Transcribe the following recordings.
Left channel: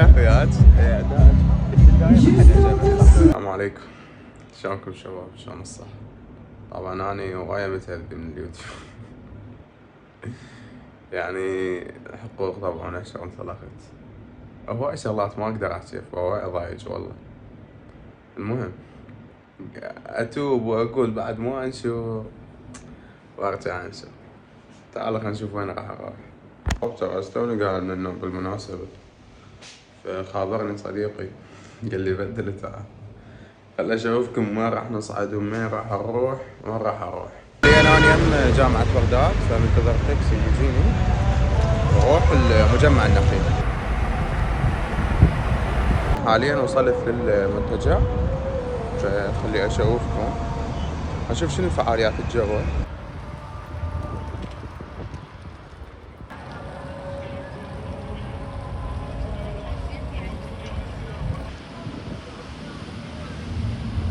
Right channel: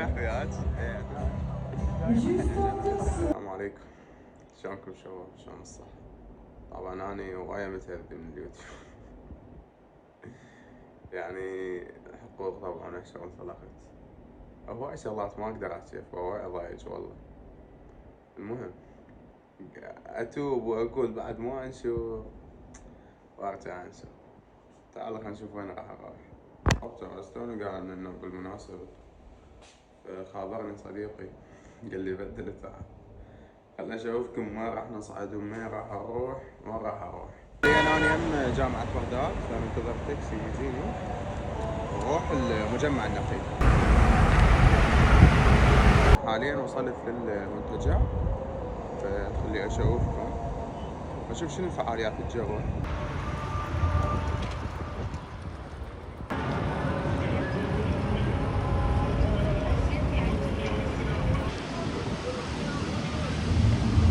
اخوياك. السلام عليكم، شلونكم شباب؟ شلون الصحة؟ طبعا اني هواية متأذي من اليوتيوب. يعني حقوق طبعا شغل انطلقت، هواي شغلات ما اقدر احكي، هواي ضايج والله. المهم اتوب واقول بعد مو انشر وارجع انشر. تعال خلينا نشوف وين راح اروح. ترى توني قاعد من النوم بالمناسبة، فخابرني صديقي قال لي بدل تعال خل اشوفكم وين راح نصعد وين راح نروح وين راح اروح. انا يم جامعة بغداد، فمنتظر تاكسي يجيني واروح المجمع النخيل. حاليا وصلت للمنتجع، فخلي اشوفكم اشوف شنو الفعاليات الجوة.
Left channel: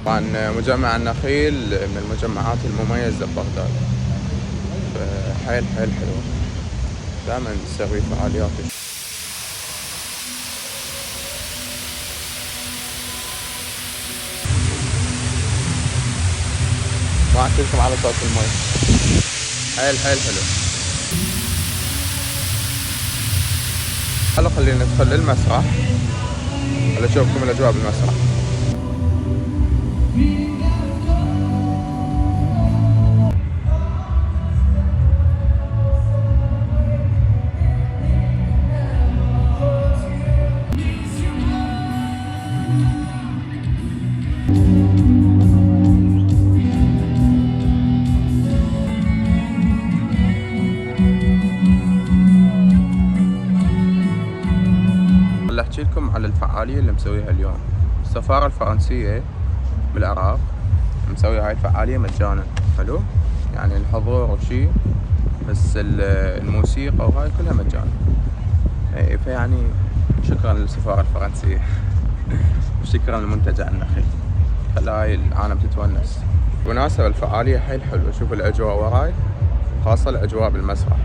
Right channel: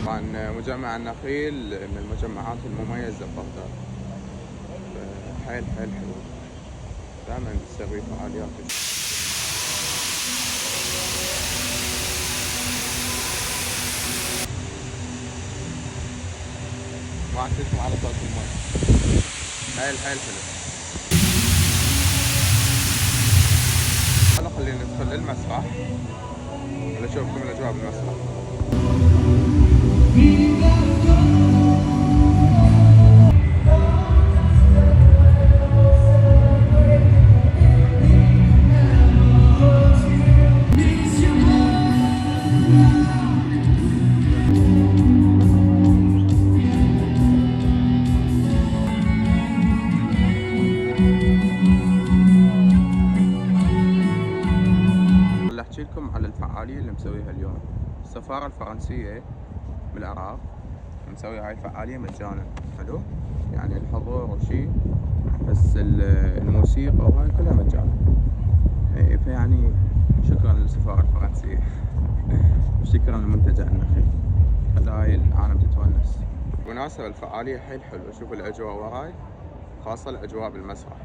طبعا مجمع النخيل من المجمعات المميزة ببغداد، حيل حلوة، دائما تسوي فعاليات. ما احكيلكم على صوت المي، حيل حلو. خلينا ندخل للمسرح، خليني اشوفكم الاجواء بالمسرح. احكي لكم على الفعالية اللي مسويها اليوم. السفارة الفرنسية بالعراق مسوية هاي الفعالية مجانا، حلو يعني الحضور وشي، بس الموسيقى وهاي كلها مجانا. فيعني شكرا للسفارة الفرنسية وشكرا لمنتجع النخيل، خلى هاي العالم تتونس. بالمناسبة الفعالية حيل حلوة، شوف الأجواء وراي، خاصة الأجواء بالمسرح.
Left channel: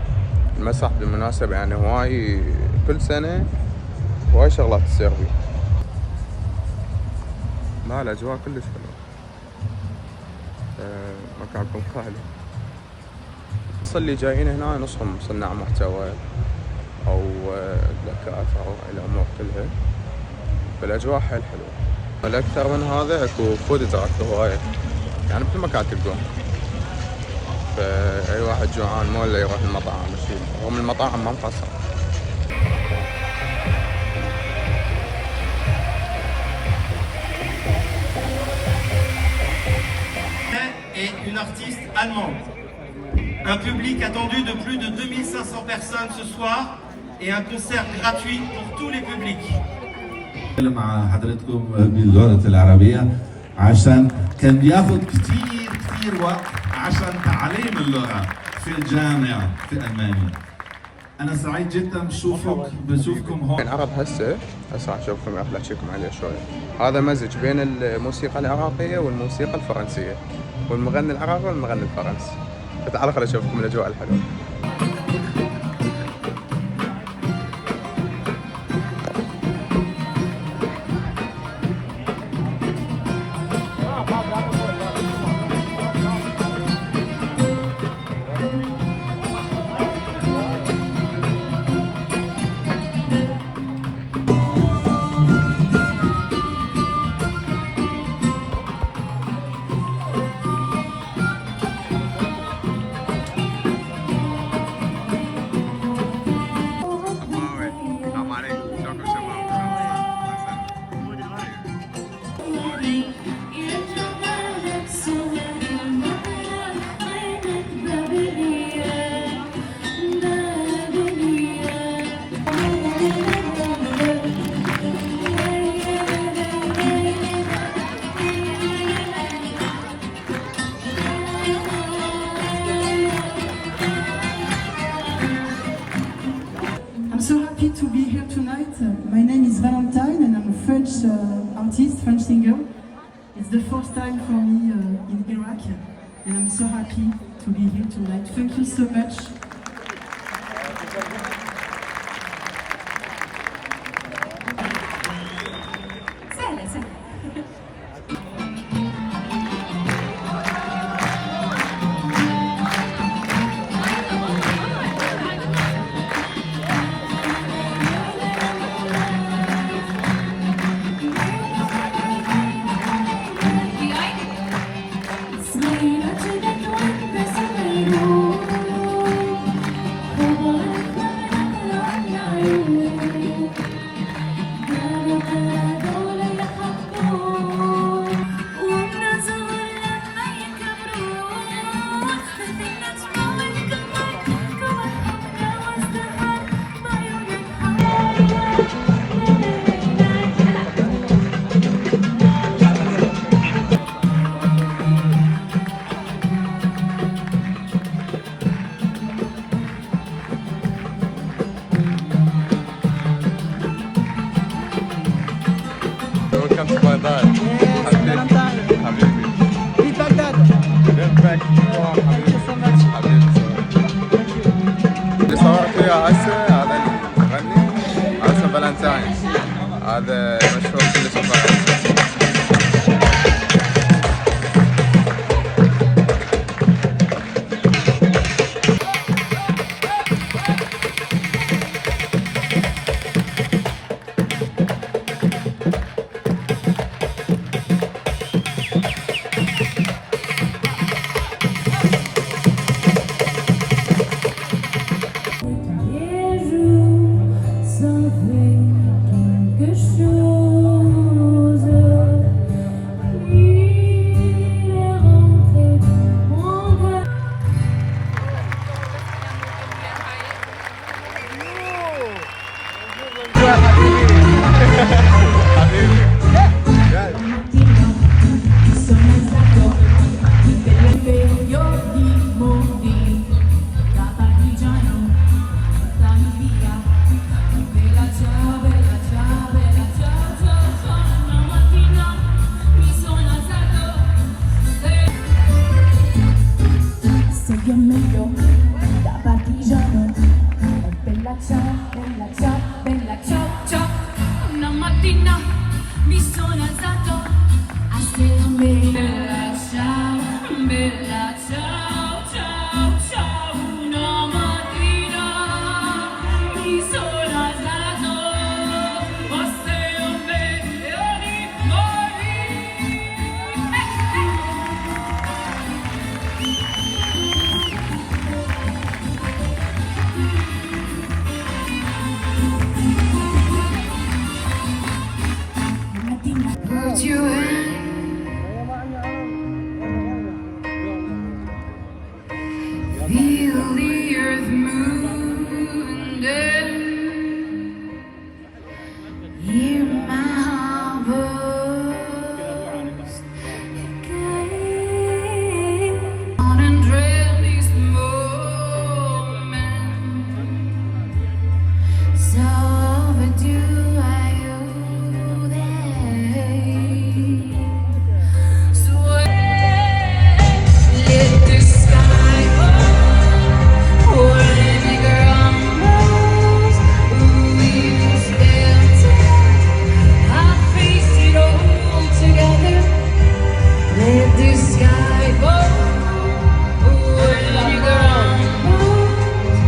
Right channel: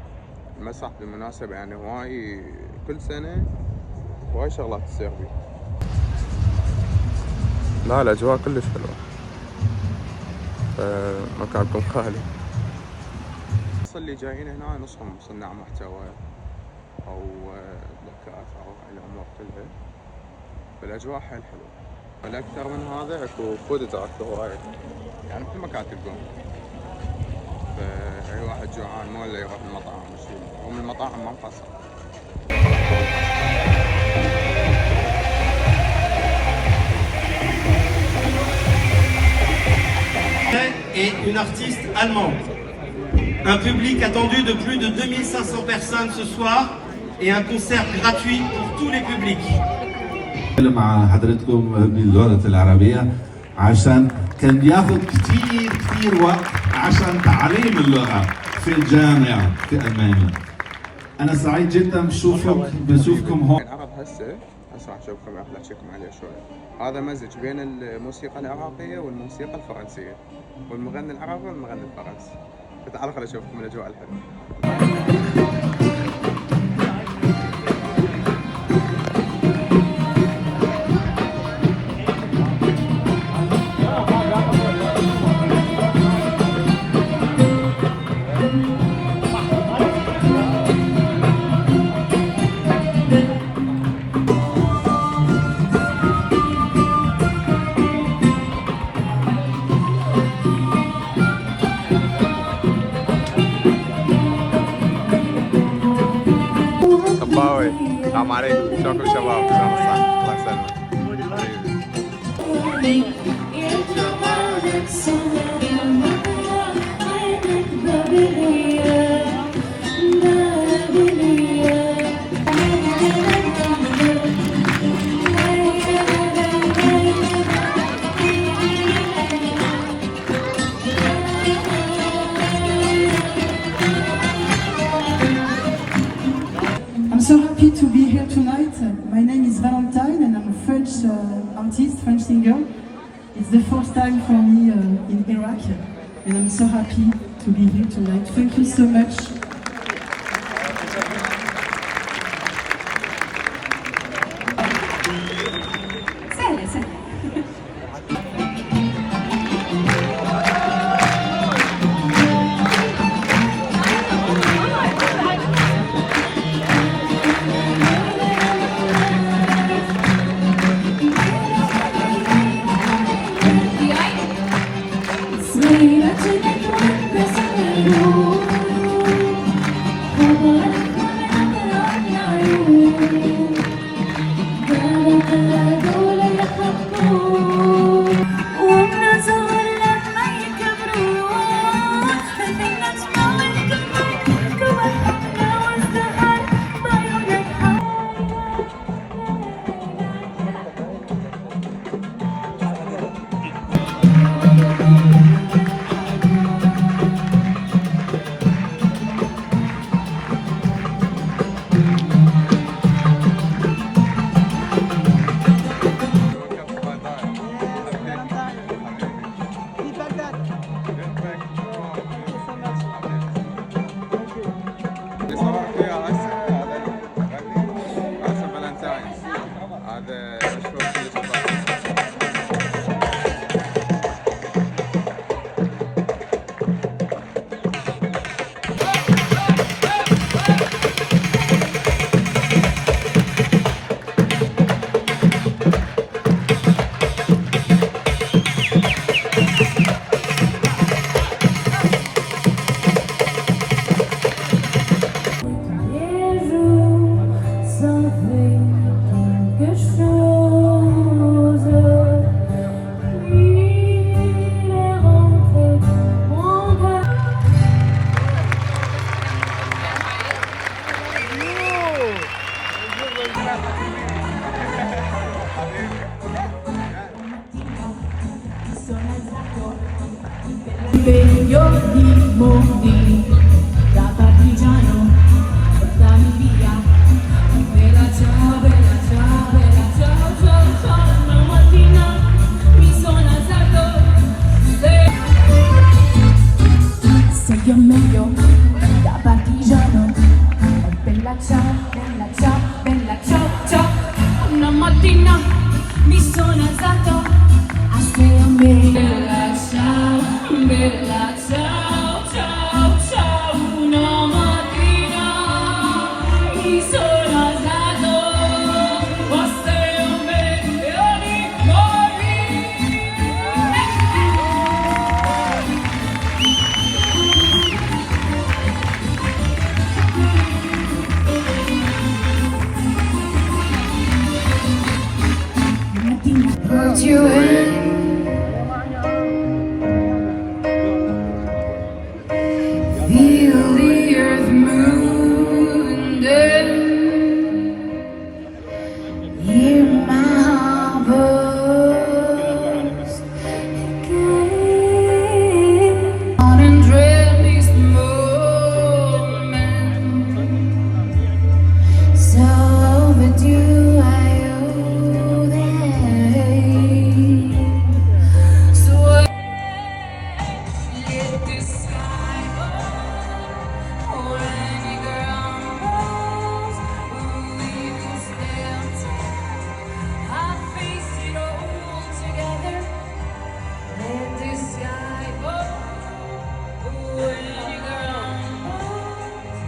المسرح بالمناسبة يعني هواي كل سنة هواي شغلات تصير بيه. لا الأجواء كلش حلوة، مكانكم خالي. الناس اللي جايين هنا نصهم صناع محتوى أو دكاترة أو الأمور كلها، فالأجواء حيل حلوة. الأكثر من هذا أكو فود تراك هواية، يعني بكل مكان تلقوه، فأي واحد جوعان مو إلا يروح المطاعم وشي، رغم المطاعم ما مقصر. Et une artiste allemande. Un public attendu de plus de 2500 personnes ce soir et un concert gratuit pour tous les publics. مع حضرتكم باللغة العربية عشان كان بياخذ كثير وقت عشان تعليم اللغة في الجامعة في ألمانيا. أنا سعيد جدا بشوفكم هون. العرب هسه راح اشوفكم احكيكم عليه شوية. هذا مزج بين الموسيقى العراقية والموسيقى الفرنسية، والمغني العراقي والمغني الفرنسي. فتعالوا خليني اشوفكم الاجواء الحلوة. السلام عليكم، شلونكم شباب؟ شلون الصحة؟ الله يسلمك. I'm so happy to be here tonight. My name is Valentine and I'm a French artist, French singer. It's the first time for me in Iraq and I'm so happy to be here tonight. Thank you so much. فالنتاين هذا مشهور كلش بفرنسا. Mi sono alzato assieme. Bella ciao, bella ciao, ciao, ciao. Una mattina mi sono alzato assieme di put you in. Feel the earth moving down. Hear my heart burst again. On and dream this moment. So overdue, I owe them. So let the sky fall, baby girl knows we will stand tall. I face it all together. Let the sky fall, baby girl knows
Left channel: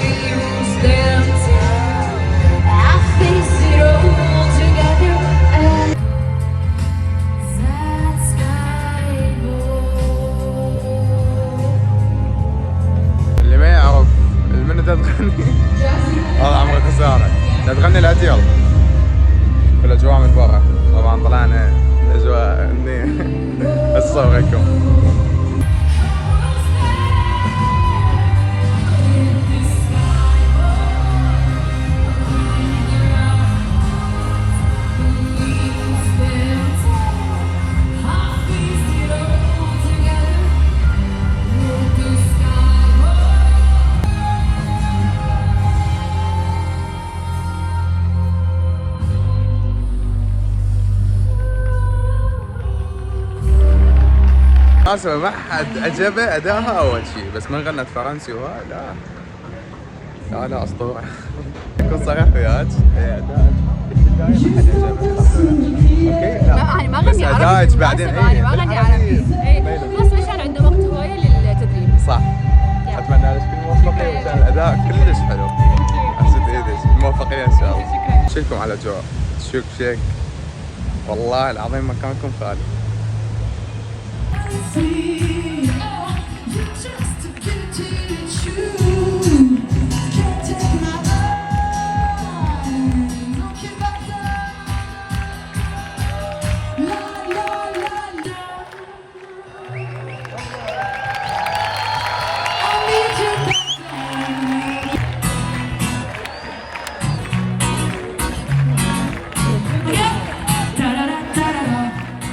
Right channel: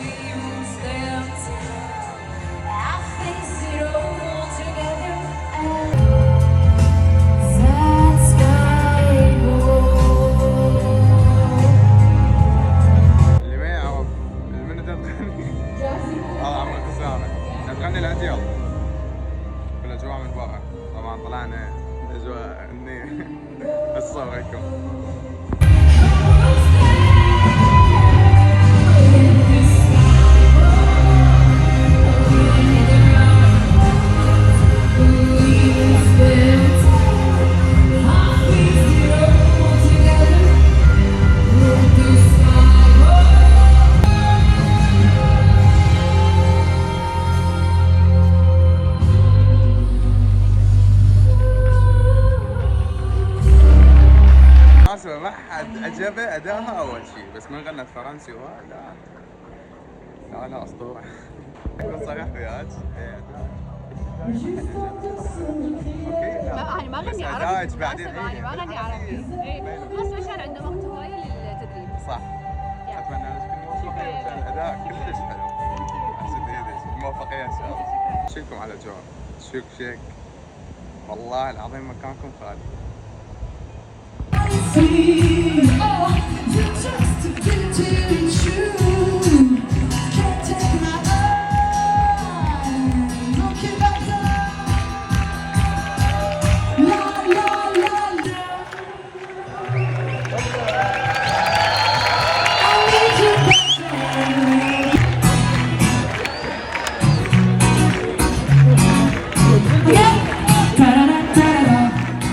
we will stand tall. I face it all together. That sky اللي ما يعرف المنى تغني والله عمري خسارة. تغني الأديل في الأجواء من برا. طبعا طلعنا الأجواء هني أصوركم. مناسبة ما حد عجبه أداها أول شيء، بس من غنت فرنسي وها لا لا لا أسطورة. أكون صريح وياك أداء ما حد عجبه. أوكي لا يعني ما غني عربي. أداءك بعدين يعني ما غني عربي. بس عشان عنده وقت هواية للتدريب. صح. أتمنى لك كل موفقية وكان الأداء كلش حلو. أحسن إيدك موفقية إن شاء الله. شكرا على الأجواء. شك والله العظيم مكانكم خالي.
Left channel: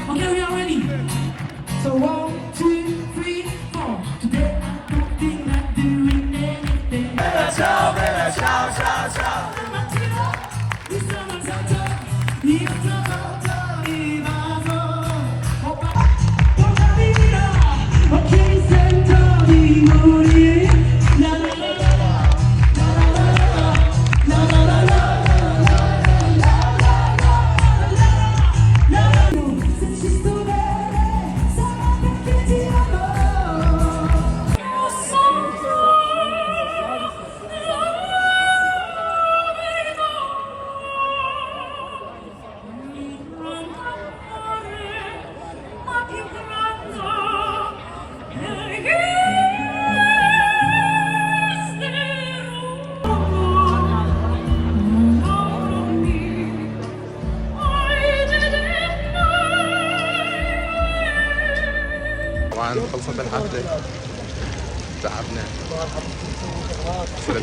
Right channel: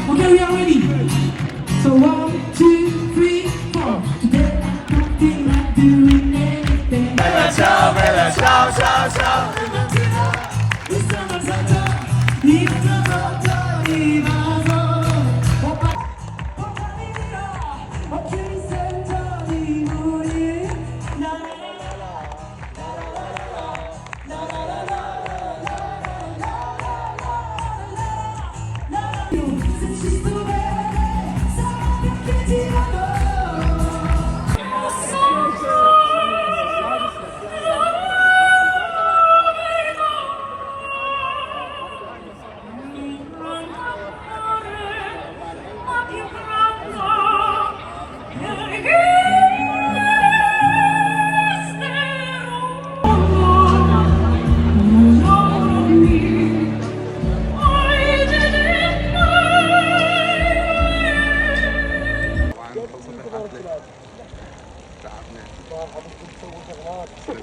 Okay, we are ready. So 1, 2, 3, 4. Today I don't feel like doing anything. Bella ciao, ciao, ciao. Mi sono alzato, Opa, portami via, ok, sento di morire. La la la la, la la la la, la la la la.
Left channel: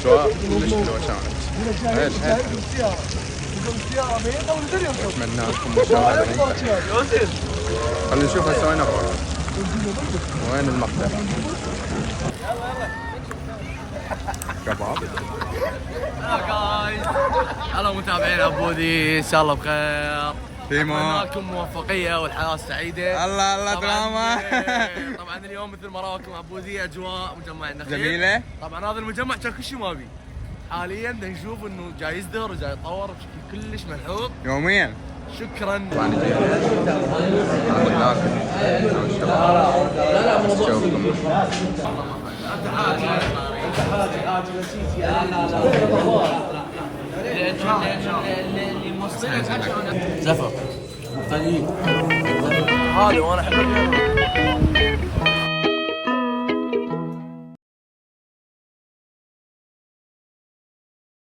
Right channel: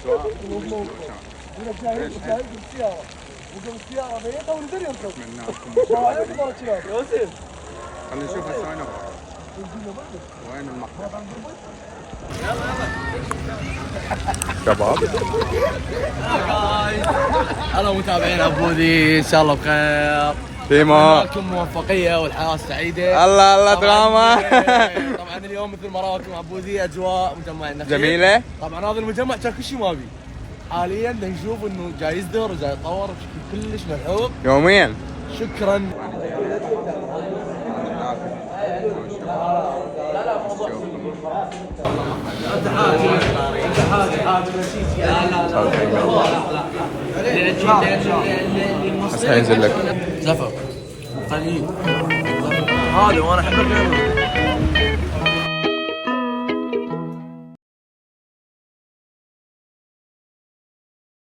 الاجواء كلش حلوه كانت. ايش حيل حلو. واتمنى لكم مشاهده ممتعه. خلينا نشوف هسه وين نروح. وين المقتل؟ شباب هلا متابعين ابوذي، ان شاء الله بخير. ديما لكم موفقيه والحياه سعيده. الله دراما. طبعا اليوم مثل ما راكم ابوذي اجواء مجمع النخيل جميله. طبعا هذا المجمع كان كل شيء ما بي. حاليا نشوف انه جاي يزدهر وجاي يتطور بشكل كلش ملحوظ يوميا. شكرا. طبعا جينا ناكل انا والشباب. نشوفكم. هسه حينزل لك زفر قليل هذا وانا احب